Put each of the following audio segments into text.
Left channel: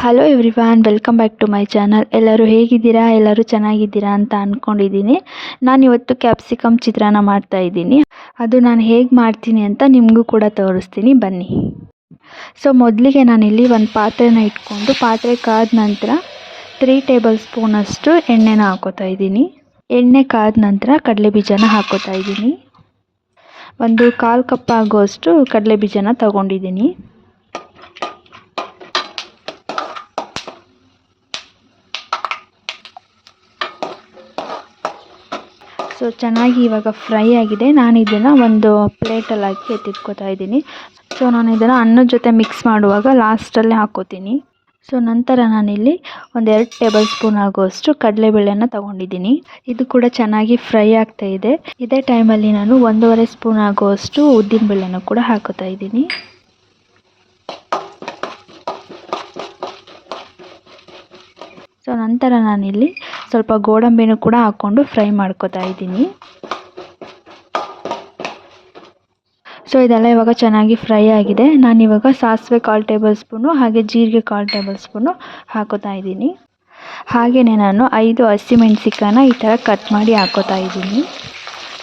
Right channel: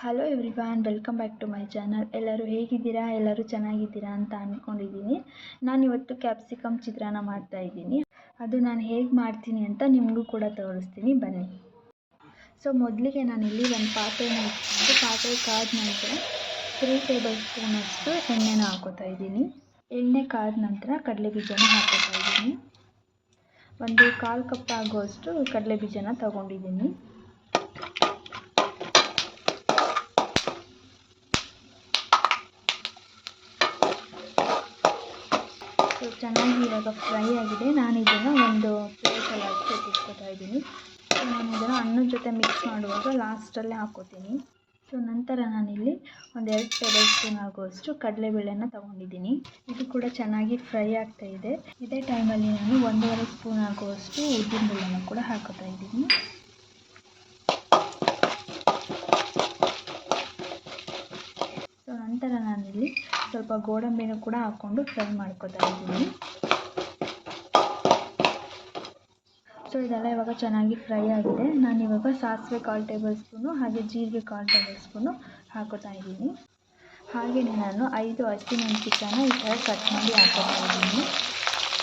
Hello everyone, welcome back to my channel. ಎಲ್ಲರೂ ಹೇಗಿದ್ದೀರಾ? ಎಲ್ಲರೂ ಚೆನ್ನಾಗಿದ್ದೀರಾ ಅಂತ ಅಂದ್ಕೊಂಡಿದ್ದೀನಿ. ನಾನಿವತ್ತು ಕ್ಯಾಪ್ಸಿಕಮ್ ಚಿತ್ರಾನ್ನ ಮಾಡ್ತಾಯಿದ್ದೀನಿ. ಅದು ನಾನು ಹೇಗೆ ಮಾಡ್ತೀನಿ ಅಂತ ನಿಮಗೂ ಕೂಡ ತೋರಿಸ್ತೀನಿ, ಬನ್ನಿ. ಸೊ ಮೊದಲಿಗೆ ನಾನಿಲ್ಲಿ ಒಂದು ಪಾತ್ರೆನ ಇಟ್ಕೊಂಡು ಪಾತ್ರೆ ಕಾದ ನಂತರ 3 ಟೇಬಲ್ ಸ್ಪೂನಷ್ಟು ಎಣ್ಣೆನ ಹಾಕೋತಾ ಇದ್ದೀನಿ. ಎಣ್ಣೆ ಕಾದ ನಂತರ ಕಡಲೆಬೀಜನ ಹಾಕೋತಾ ಇದ್ದೀನಿ. ಒಂದು 1/4 ಕಪ್ ಆಗುವಷ್ಟು ಕಡಲೆಬೀಜನ ತಗೊಂಡಿದ್ದೀನಿ. ಸೊ ಚೆನ್ನಾಗಿ ಇವಾಗ ಫ್ರೈ ಆಗಿದೆ. ನಾನು ಇದನ್ನು ಒಂದು ಪ್ಲೇಟಲ್ಲಿ ಹಾಕಿ ಎತ್ತಿಟ್ಕೋತಾ ಇದ್ದೀನಿ. ಸೊ ನಾನು ಇದನ್ನು ಅನ್ನದ ಜೊತೆ ಮಿಕ್ಸ್ ಮಾಡುವಾಗ ಲಾಸ್ಟಲ್ಲಿ ಹಾಕೋತೀನಿ. ಸೊ ನಂತರ ನಾನಿಲ್ಲಿ 1-2 ಟೇಬಲ್ ಸ್ಪೂನ್ ಆಗುವಷ್ಟು ಕಡಲೆಬೇಳೆನ ತೊಗೊಂಡಿದ್ದೀನಿ. ಇದು ಕೂಡ ಚೆನ್ನಾಗಿ ಫ್ರೈ ಆಗ್ತಾ ಇದೆ. ಇದೇ ಟೈಮಲ್ಲಿ ನಾನು 1.5 ಸ್ಪೂನ್ ಆಗುವಷ್ಟು ಉದ್ದಿನಬೇಳೆನ ಕೂಡ ಹಾಕೋತಾ ಇದ್ದೀನಿ. ಸೊ ನಂತರ ನಾನಿಲ್ಲಿ ಸ್ವಲ್ಪ ಗೋಡಂಬಿನೂ ಕೂಡ ಹಾಕ್ಕೊಂಡು ಫ್ರೈ ಮಾಡ್ಕೋತಾ ಇದ್ದೀನಿ. ಸೊ ಇದೆಲ್ಲ ಇವಾಗ ಚೆನ್ನಾಗಿ ಫ್ರೈ ಆಗಿದೆ. ನಾನಿವಾಗ ಸಾಸಿವೆ 1/4 ಟೇಬಲ್ ಸ್ಪೂನು ಹಾಗೆ ಜೀರಿಗೆ 1/4 ಟೇಬಲ್ ಸ್ಪೂನು ಹಾಕೋತಾ ಇದ್ದೀನಿ. ಹಾಗೆಯೇ ನಾನು 5 ಹಸಿಮೆಣಸಿಕಾಯನ್ನ ಈ ಥರ ಕಟ್ ಮಾಡಿ ಹಾಕೋತಾ ಇದ್ದೀನಿ.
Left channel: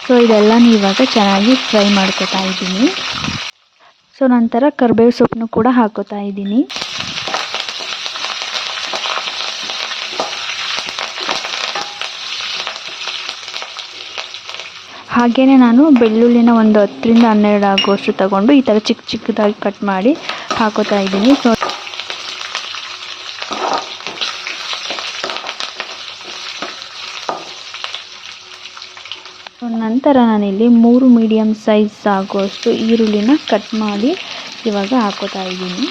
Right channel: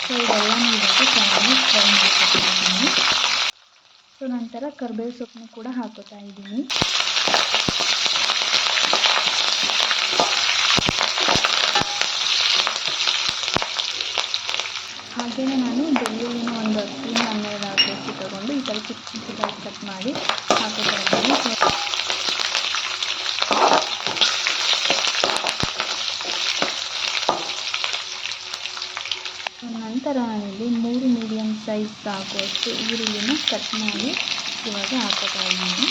ಸೊ ಇದೆಲ್ಲನೂ ಇವಾಗ ಚೆನ್ನಾಗಿ ಫ್ರೈ ಮಾಡ್ಕೋತಾ ಇದ್ದೀನಿ. ಸೊ ನಂತರ ಕರಿಬೇವು ಸೊಪ್ಪನ್ನು ಕೂಡ ಹಾಕೋತಾ ಇದ್ದೀನಿ. ಹಾಗೆಯೇ ನಾನು ಬೆಳ್ಳುಳ್ಳಿನ ಒಂದು 10-12 ಆಗುವಷ್ಟು ತಗೊಂಡು ಈ ಥರ ಚಿಕ್ಕ ಚಿಕ್ಕದಾಗಿ ಕಟ್ ಮಾಡಿ ಹಾಕೋತಾ ಇದ್ದೀನಿ. ಸೊ ನಂತರ ನಾನಿಲ್ಲಿ 3 ಮೀಡಿಯಮ್ ಸೈಜ್ ಆಗುವಷ್ಟು ಈರುಳ್ಳಿನ ಕಟ್ ಮಾಡಿ ಇವಾಗ ಹಾಕೋತಾ ಇದ್ದೀನಿ.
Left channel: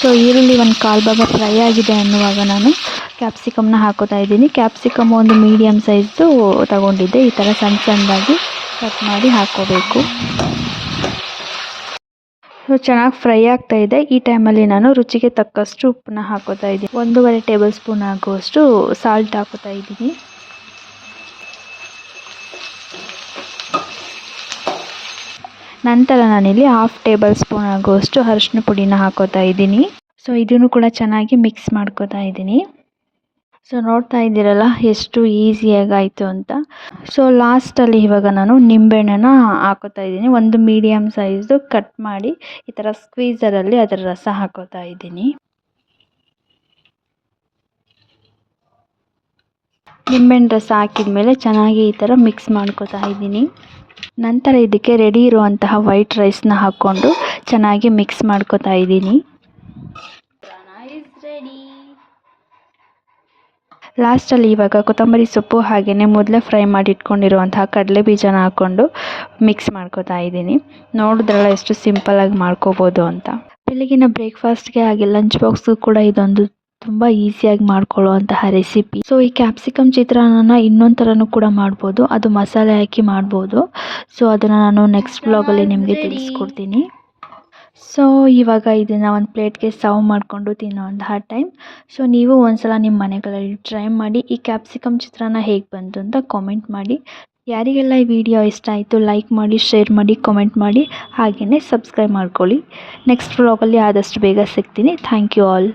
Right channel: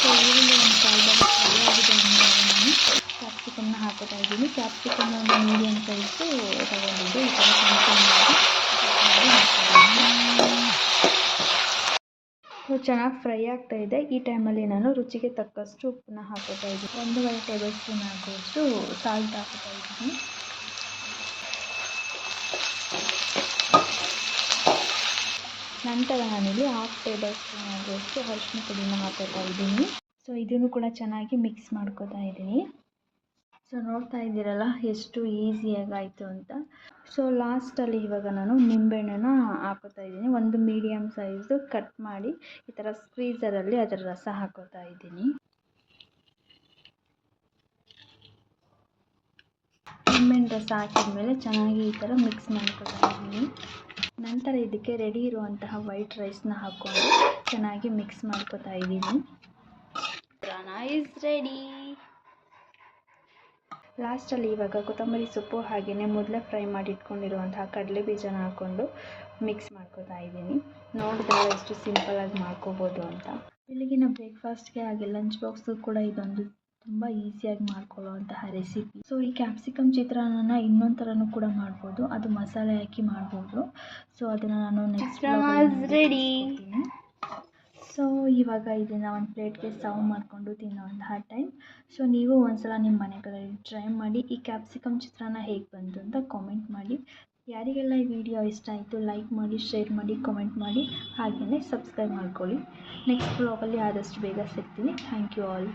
ಸೊ ಈರುಳ್ಳಿ ಒಂದು 1/4 ಭಾಗ ಫ್ರೈ ಆಗಿದೆ ಅನ್ನುವಾಗ ನಾನು ಕ್ಯಾಪ್ಸಿಕಮ್ನ ಹಾಕೋತಾ ಇದ್ದೀನಿ. ಕ್ಯಾಪ್ಸಿಕಮ್ ಒಂದು ಮೀಡಿಯಮ್ ಸೈಜ್ದು ತಗೊಂಡಿದ್ದೆ. ಈ ಥರ ಸಣ್ಣ ಸಣ್ಣದಾಗಿ ಕಟ್ ಮಾಡಿ ಹಾಕೋಬೇಕು. ಸೊ ಚೆನ್ನಾಗಿ ಫ್ರೈ ಆಗ್ತಾ ಇದೆ. ಈ ಟೈಮಲ್ಲಿ ನಾನು ರುಚಿಗೆ ತಕ್ಕಷ್ಟು ಉಪ್ಪನ್ನ ಹಾಕೋತಾ ಇದ್ದೀನಿ. 1.5 ಟೇಬಲ್ ಸ್ಪೂನ್ ಆಗುವಷ್ಟು ಸಾಲ್ಟ್ ಹಾಕೋತಾ ಇದ್ದೀನಿ. ನಂತರ ನಾನಿಲ್ಲಿ 1/2 ಟೇಬಲ್ ಸ್ಪೂನ್ ಆಗುವಷ್ಟು ಅರಿಶಿನ ಪುಡಿನ ಹಾಕೋತಾ ಇದ್ದೀನಿ. ಸೊ ಇದನ್ನು ಕೂಡ ಚೆನ್ನಾಗಿ ಮಿಕ್ಸ್ ಮಾಡ್ಕೋತಾ ಇದ್ದೀನಿ. ಸೊ ನೋಡ್ತಾ ಇದ್ದೀರಲ್ಲ ಎಷ್ಟು ಈಸಿಯಾಗಿ ಆಯಿತು ಅಂತ. ಸೊ ಲಾಸ್ಟಲ್ಲಿ ಇವಾಗ ನಾನು ನಿಂಬೆಹಣ್ಣನ್ನ ಹಾಕೋತಾ ಇದ್ದೀನಿ. ಒಂದು ಮೀಡಿಯಮ್ ಸೈಜ್ದು ಕಟ್ ಮಾಡಿ ಈ ಥರ ಸ್ಕ್ವೀಸರಲ್ಲಿ ಅದರ ರಸ ಹಾಕೋತಾ ಇದ್ದೀನಿ. ನಿಂಬೆಹಣ್ಣು ರಸ ಹಾಕಿದ ಮೇಲೆ ಚೆನ್ನಾಗಿ ಈ ಥರ ಮಿಕ್ಸ್ ಮಾಡ್ಕೋತಾ ಇದ್ದೀನಿ. ನಂತರ ಇದಕ್ಕೆ ರೆಡಿ ಇರುವಂತಹ ವೈಟ್ ರೈಸ್ನ ಹಾಕ್ಕೊಂಡು ಚೆನ್ನಾಗಿ ಮಿಕ್ಸ್ ಮಾಡ್ಕೋತಾ ಇದ್ದೀನಿ. ಲಾಸ್ಟಲ್ಲಿ ಇವಾಗ ಕೊತ್ತಂಬರಿ ಸೊಪ್ಪು ಹಾಗೆಯೇ ಮೊದಲೇ ಫ್ರೈ ಮಾಡಿ ಇಟ್ಕೊಂಡಿರುವಂತಹ ಕಡಲೆ ಬೀಜನ ಹಾಕ್ಕೊಂಡು ಮಿಕ್ಸ್ ಮಾಡ್ಕೋತಾ ಇದ್ದೀನಿ. ನೋಡಿದ್ರಲ್ಲ ಎಷ್ಟು ಸಿಂಪಲ್ಲಾಗಿ ಮಾಡ್ಕೋಬೋದು ಅಂತ. ಬೆಳಗಿನ ಬ್ರೇಕ್ಫಾಸ್ಟ್ಗೆ ಹಾಗೆ ಲಂಚ್ ಬಾಕ್ಸ್ಗೂ ಕೂಡ ಇದೊಂದು ತುಂಬ ಈಸಿಯಾಗಿ ಮಾಡ್ಕೊಳ್ಳುವಂತಹ ರೆಸಿಪಿ. ಸೊ ಈ ಕ್ಯಾಪ್ಸಿಕಮ್ ಚಿತ್ರಾನ್ನ ಇನ್ನೊಂದು ಥರನೂ ಕೂಡ ಮಾಡ್ಬೋದು. ಅದು ಮಸಾಲೆ ಹಾಕಿ ಮಾಡ್ಬೋದು. ಸೊ ಅದನ್ನು ನಾನು ನೆಕ್ಸ್ಟ್ ವ್ಲಾಗಲ್ಲಿ ನಿಮಗೆ ತಿಳಿಸ್ಕೊಡ್ತೀನಿ. ಸೊ ಇವಾಗ ಇದನ್ನು ಒಂದು ಪ್ಲೇಟ್ಗೆ ಸರ್ವ್ ಮಾಡಿಕೊಂಡು ತಿನ್ನೋವಂತಹ ಟೈಮ್. ಸೊ ನೀವು ಒಂದ್ಸಲ ನಿಮ್ಮ ಮನೆಗಳಲ್ಲಿ ಟ್ರೈ ಮಾಡಿ ಈ ಕ್ಯಾಪ್ಸಿಕಮ್ ಚಿತ್ರಾನ್ನ ಹೇಗೆ ಬಂತು ಅಂತ ಕಾಮೆಂಟ್ ಮಾಡಿ. ಯಾರಿಗೆಲ್ಲ ಈ ವಿಡಿಯೋ ಇಷ್ಟ ಆಯಿತು ಲೈಕ್ ಮಾಡಿ, ಶೇರ್ ಮಾಡಿ, ಕಾಮೆಂಟ್ ಮಾಡಿ, ಹಾಗೆಯೇ ಸಬ್ಸ್ಕ್ರೈಬ್ ಮಾಡ್ಕೊಳ್ಳಿ. ನೆಕ್ಸ್ಟ್ ವ್ಲಾಗಲ್ಲಿ ಆದಷ್ಟು ಬೇಗ ಸಿಗ್ತೀನಿ. Thank you all.